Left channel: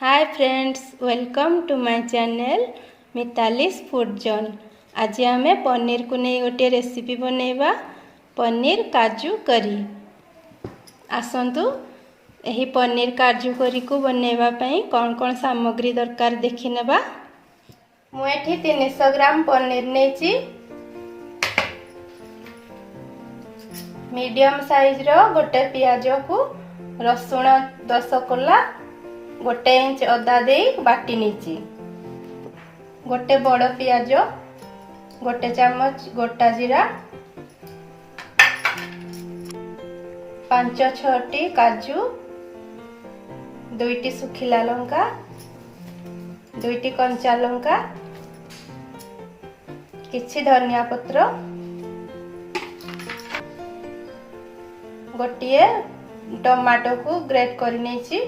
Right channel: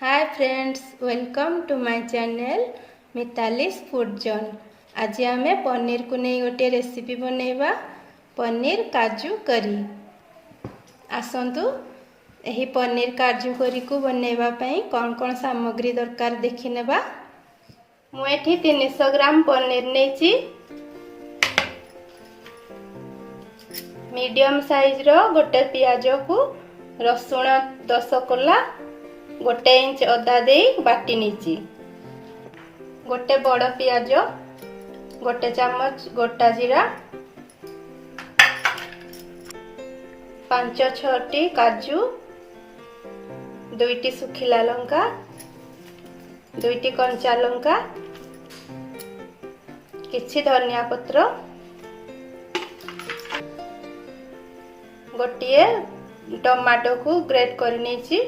Hi friends, welcome to my channel Mitali's food zone. आज आम पनीर को नहीं गोटे रेसिपी बनैबा पनीर काजू करी। आसतु यही पनीर काजू करी को बनैबा पई कौन कौन सामग्री दरकार देखि नेबा। मु एठी 300 ग्राम पनीर नेची। मीडियम साइज रो गोटे पियाज को रसुण 10 कोला गोटे इंच अदा दे बाटी नीची। गोटे बड़ पियाज, गोटे चामच गोटा जीरा, 5-6 काजू, 2 सुखिला लंका, 2 कंचा लंका, किछि धनिया पत्र, गोटे टमाटो को ग्रेट कर नेची,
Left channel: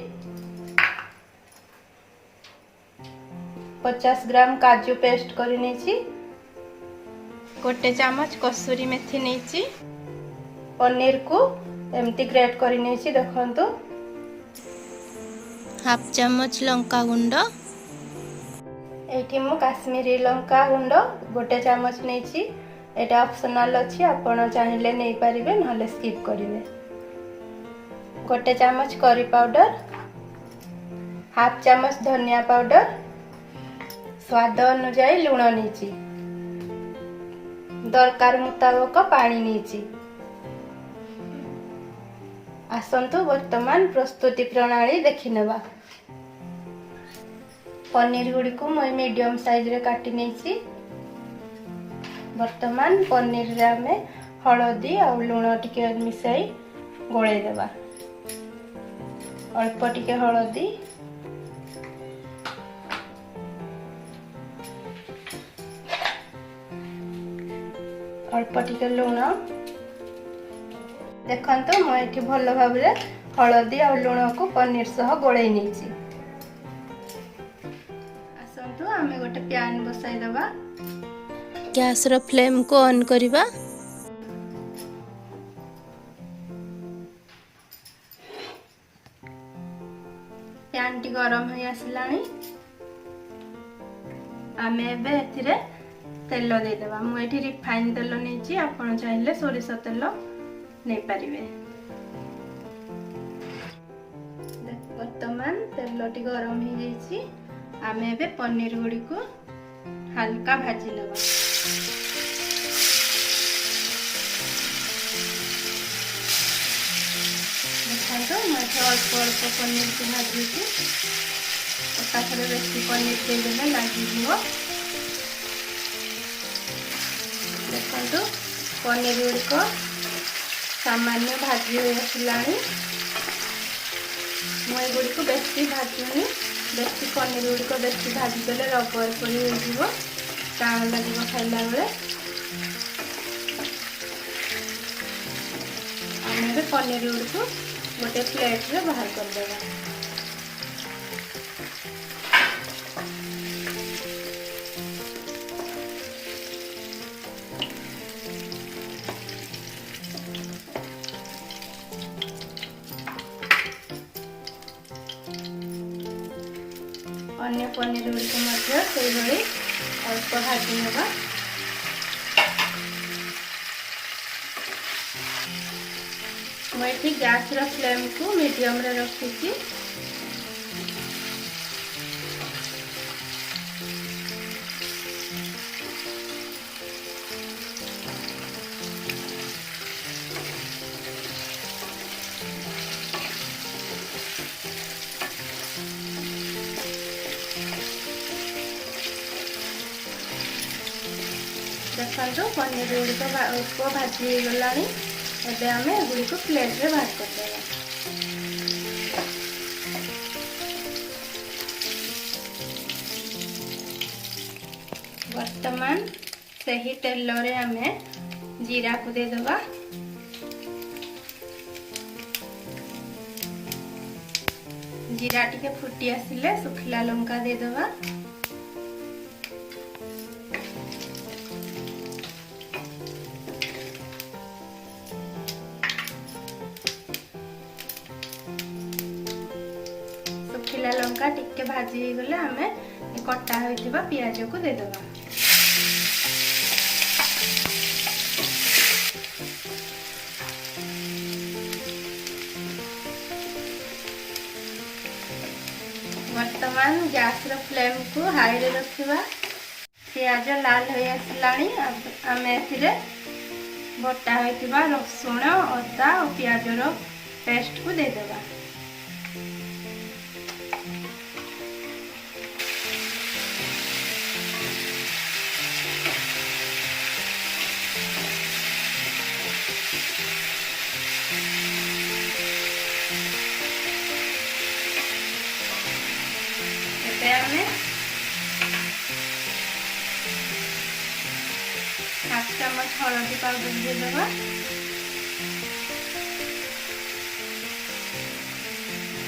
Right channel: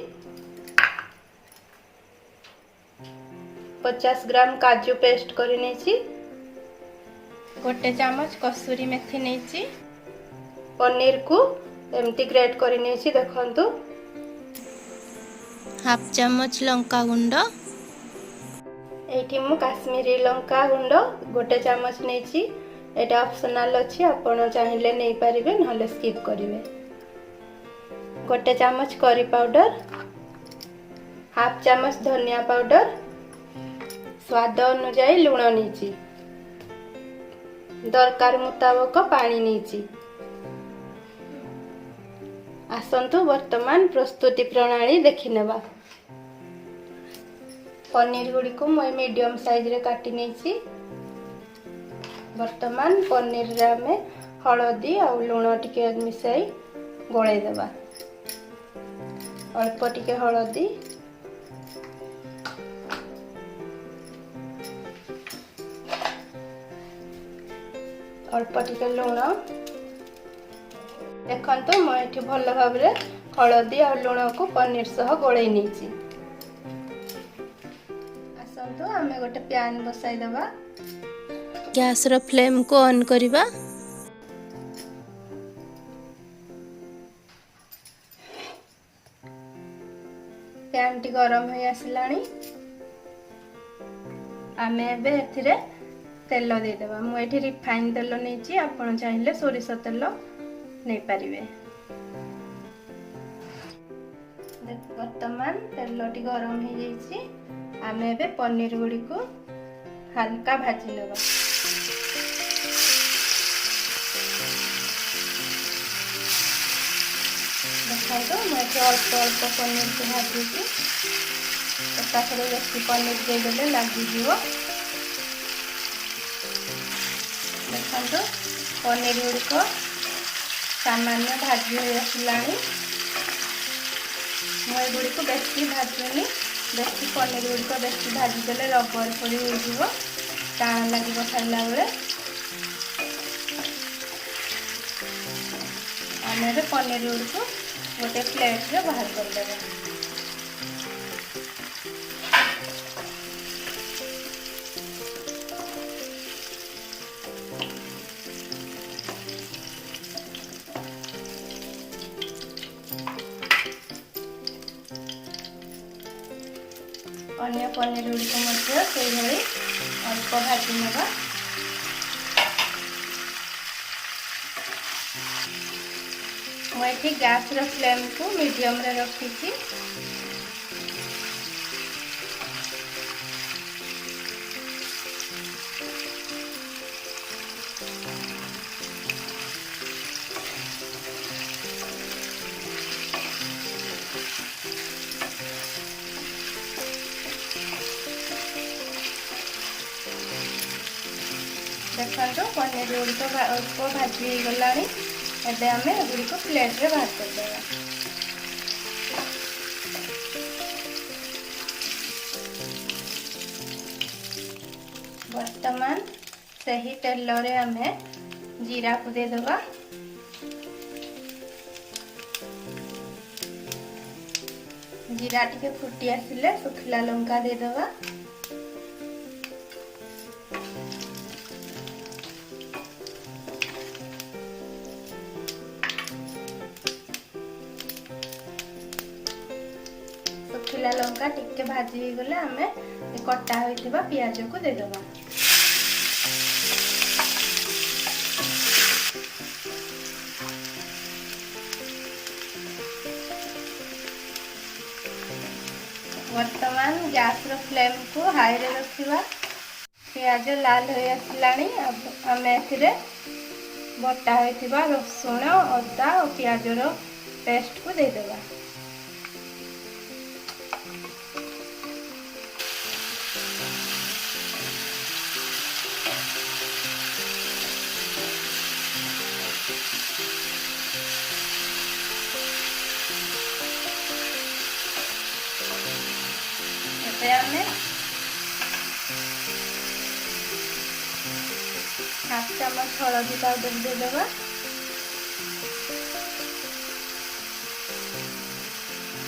50 ग्राम काजू पेस्ट कर नेची, गोटे चामच कसूरी मेथी नेची। पनीर को एमती ग्रेट कर नेची देखंतु। हाफ चामच लंका गुंड, एठी मु काश्मीरी लंका गुंड गोटे चामच नेची। एटा ऑप्शनल अछि, आपण चाहिले नै परिबे नहले स्किप करिवे। गोटे चामच करी पाउडर, हाफ चामच धनिया पाउडर, स्वाद अनुसार लुण नीची, दरकार मुताबक पानी नीची। आसंतु वर्तमान प्रस्तुति प्रणाली देखि नेबा। पनीर गुडी को मैं मीडियम साइज रे काटी नेची। वर्तमान पनीर रे हमें हळदी और लुण टिके मिसाई गोळै देबा। अल्प टिके हळदी, अल्प टिके लुण। देखंतु मैं भल भाव हलदी और लुण को पनीर सह गोळै नेची। आसंतु आमे गोटे पैन बसाई दबा। गैस रो फ्लेम को ऑन करिबा। पैन टी गरम हो आसिलानी। आमे एबे एथिरे तेल दे देबा। मु एठी रिफाइन तेल नेची, आपण चाहिले सोरिष तेल नै परिबे। वर्तमान तेल टी गरम हो जाईची। आमे एबे पनीर गुडी को हल्का भाजी लेबा। देखो मैं अल्प अल्प पनीर को भाजी छी। तापर बेसी पनीर दे देले लागी जीवो। देखो पनीर गुडी को सामान्य भाजी हो आसिलानी। मैं गुडी को बेसी भाजुनी, बेसी पनीर गुडी को बेसी भाजी देले रबर पड़ी हो जीवो, टाण लागिबो खाइला बेले। आमे पनीर गुडी को गोटे प्लेट रे बाहर कर देबा। अन्य पनीर गुडी मध्य से भली अल्प भाजी नेबा। मैं गैस रो फ्लेम को मीडियम रे रखी। देखो पनीर गुडी को अल्प भाजी गलानी। एबे आमे गुडी को प्लेट रे बाहर कर देबा। वर्तमान सही तेल रे आमे जीरा को दे देबा। जीरा टिके फुटी आसिले सुखिला लंका दे देबा। सुखिला लंका टिके भाजी गले आमे कटा होइथिबा पियाज को दे देबा। वर्तमान गैस रो फ्लेम को हाई रे रखिबा। पियाज लाल हो आसलाणी आमे एथिरे बटा होइथिबा रसुण अदा और पियाज रो पेस्ट को दे देबा। एमे हाफ चम्मच हल्दी पाउडर दे देबा।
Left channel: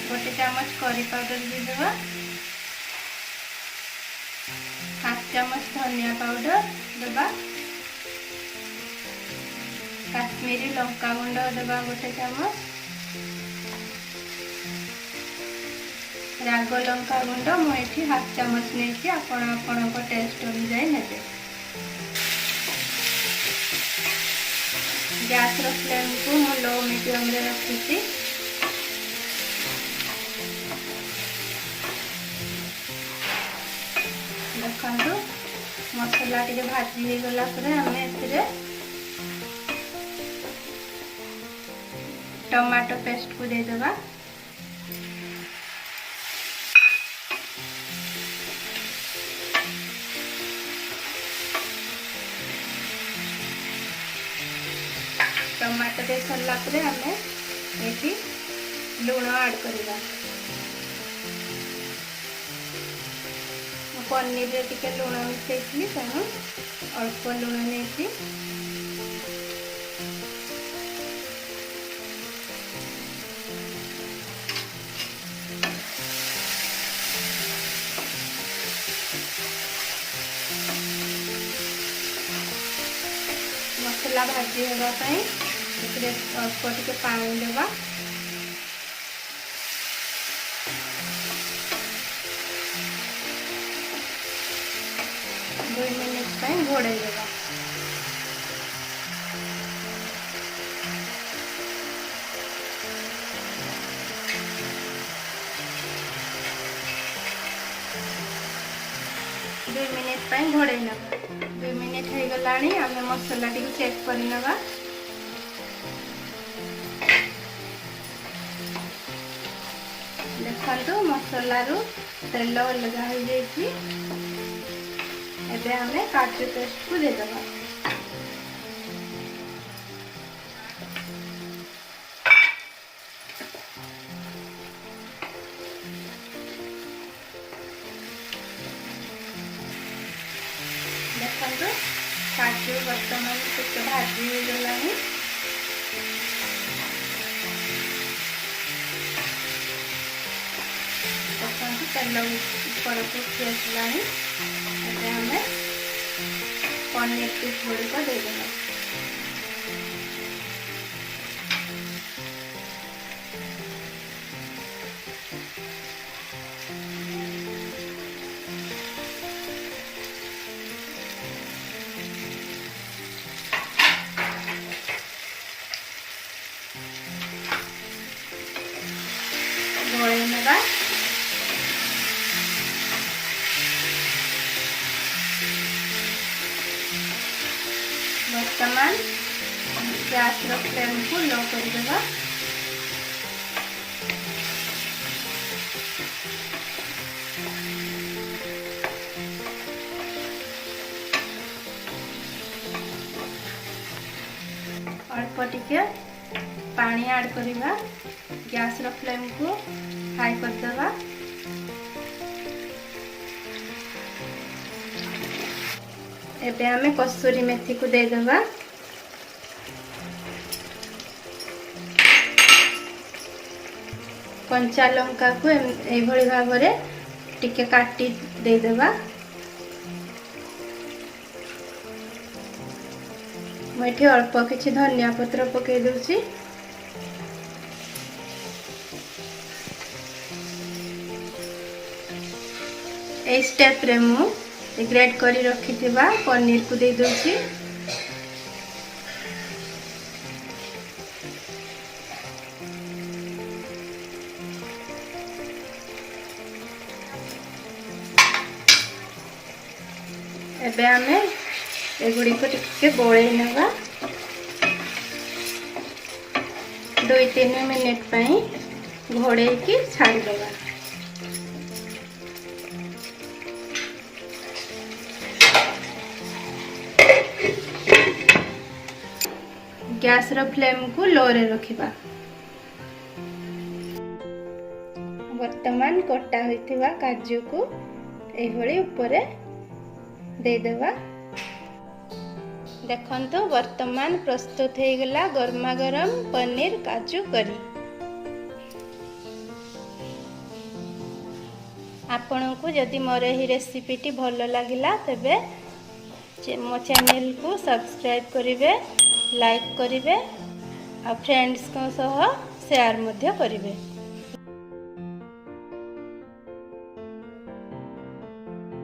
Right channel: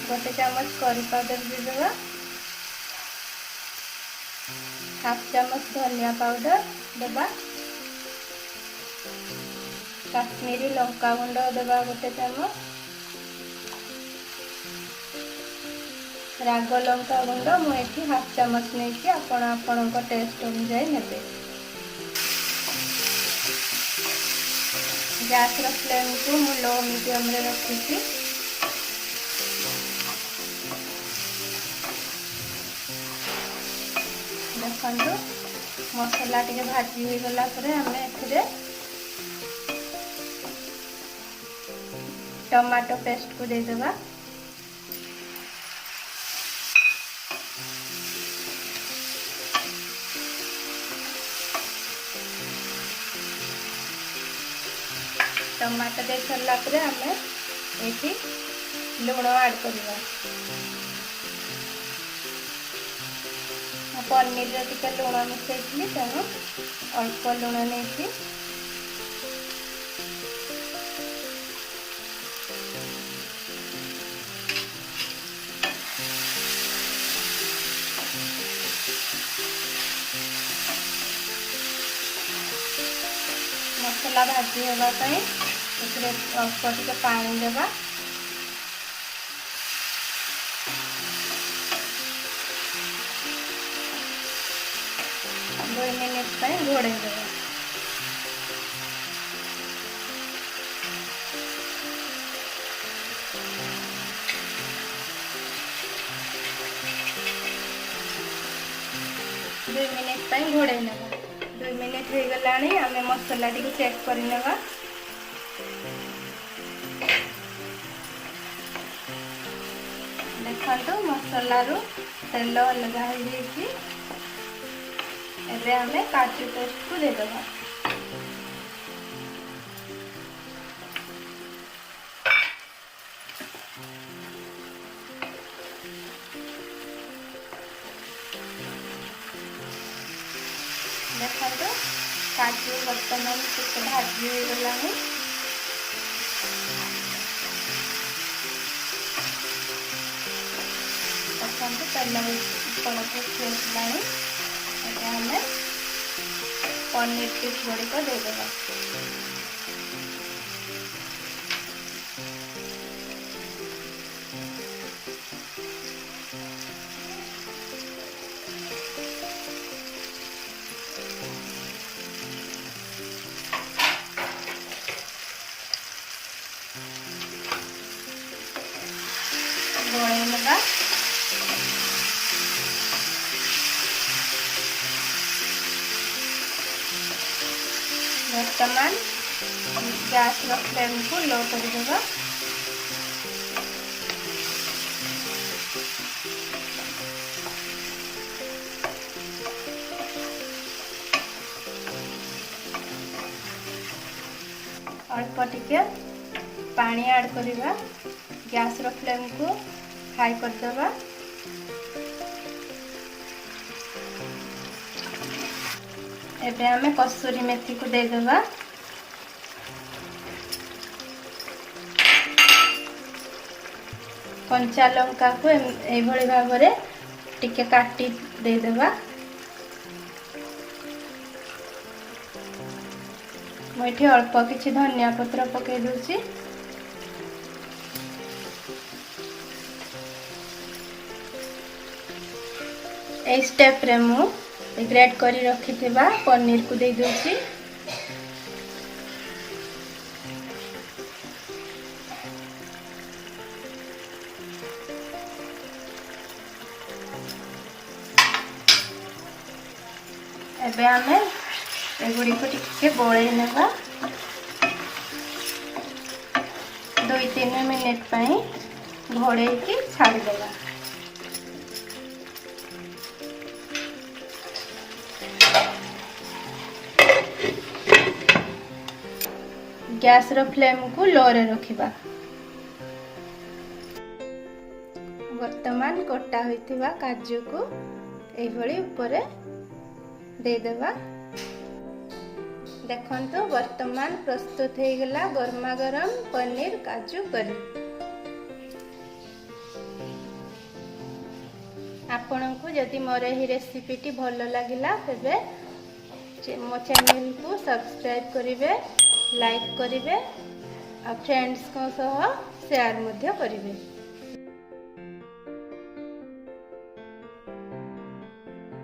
गोटे चम्मच करी पाउडर दे देबा। हाफ चम्मच धनिया पाउडर देबा। काश्मीरी लंका गुंड देबा गोटे चम्मच। राग लंका गुंड मुझे हाफ चम्मच नहीं आपण टेस्ट अनुसार नेबे। गैस रो फ्लेम को मु लो मीडियम रे रखी। देखो मसला टिके भाजी हो गला परे हमें एथिरे टमाटो पेस्ट को दे देबा। टमाटर दे सरला परे हमें एठी लूण ऐड करबा। पनीर रे टिके लूण मिसैथि तेणु अल्प लूण नेथि। मसला भाजी होगा अल्प टिके पानी देवा। दो मिनट घोड़े देवा। दुई मिनिट घोड़े नवा। 2 मिनिट हो गलानी आमे मसला टी चेक कर नवा। देखो मसला रू तेल अलग हो जाइए। एबे हमें काजू पेस्ट को दे देबा। देखो काजू वर्तमान टिके भाजी हो गलानी। तेल ऊपर को उठी आसलानी। हमें पनीर पीस गुड़िक दे देबा। गोले नेबा। वर्तमान गैस रो फ्लेम को लो कर देबा। अल्प टिके पानी ऐड करबा। गैस रो फ्लेम को हाई कर देबा। एबे हमें कसूरी मेथी को दे देबा। कंचा लंका को एभली भाव में टिके काटी दे देबा। मुझे अल्प किछि धनिया पत्र पकई दूची। ए स्टेप रे मु ग्रेट करी रखिथिबा पनीर को दे दोछि। एबे आमे एगुड़ी को टिके गोळे नेबा 2-3 मिनिट पई घोड़े की छाड़ देगा। गैस रो फ्लेम को लो रे रखिबा। वर्तमान कटा होइतिबा काजू को एई भली ऊपर दे देबा। देखंतु वर्तमान प्रस्तुत हो गला गरमा गरम पनीर काजू करी। आपन को जदि मोर ही रेसिपी टी भल लगिला तेबे मो चैनल को सब्सक्राइब करिवे, लाइक करिवे और फ्रेंड्स को सह शेयर मध्य करिवे।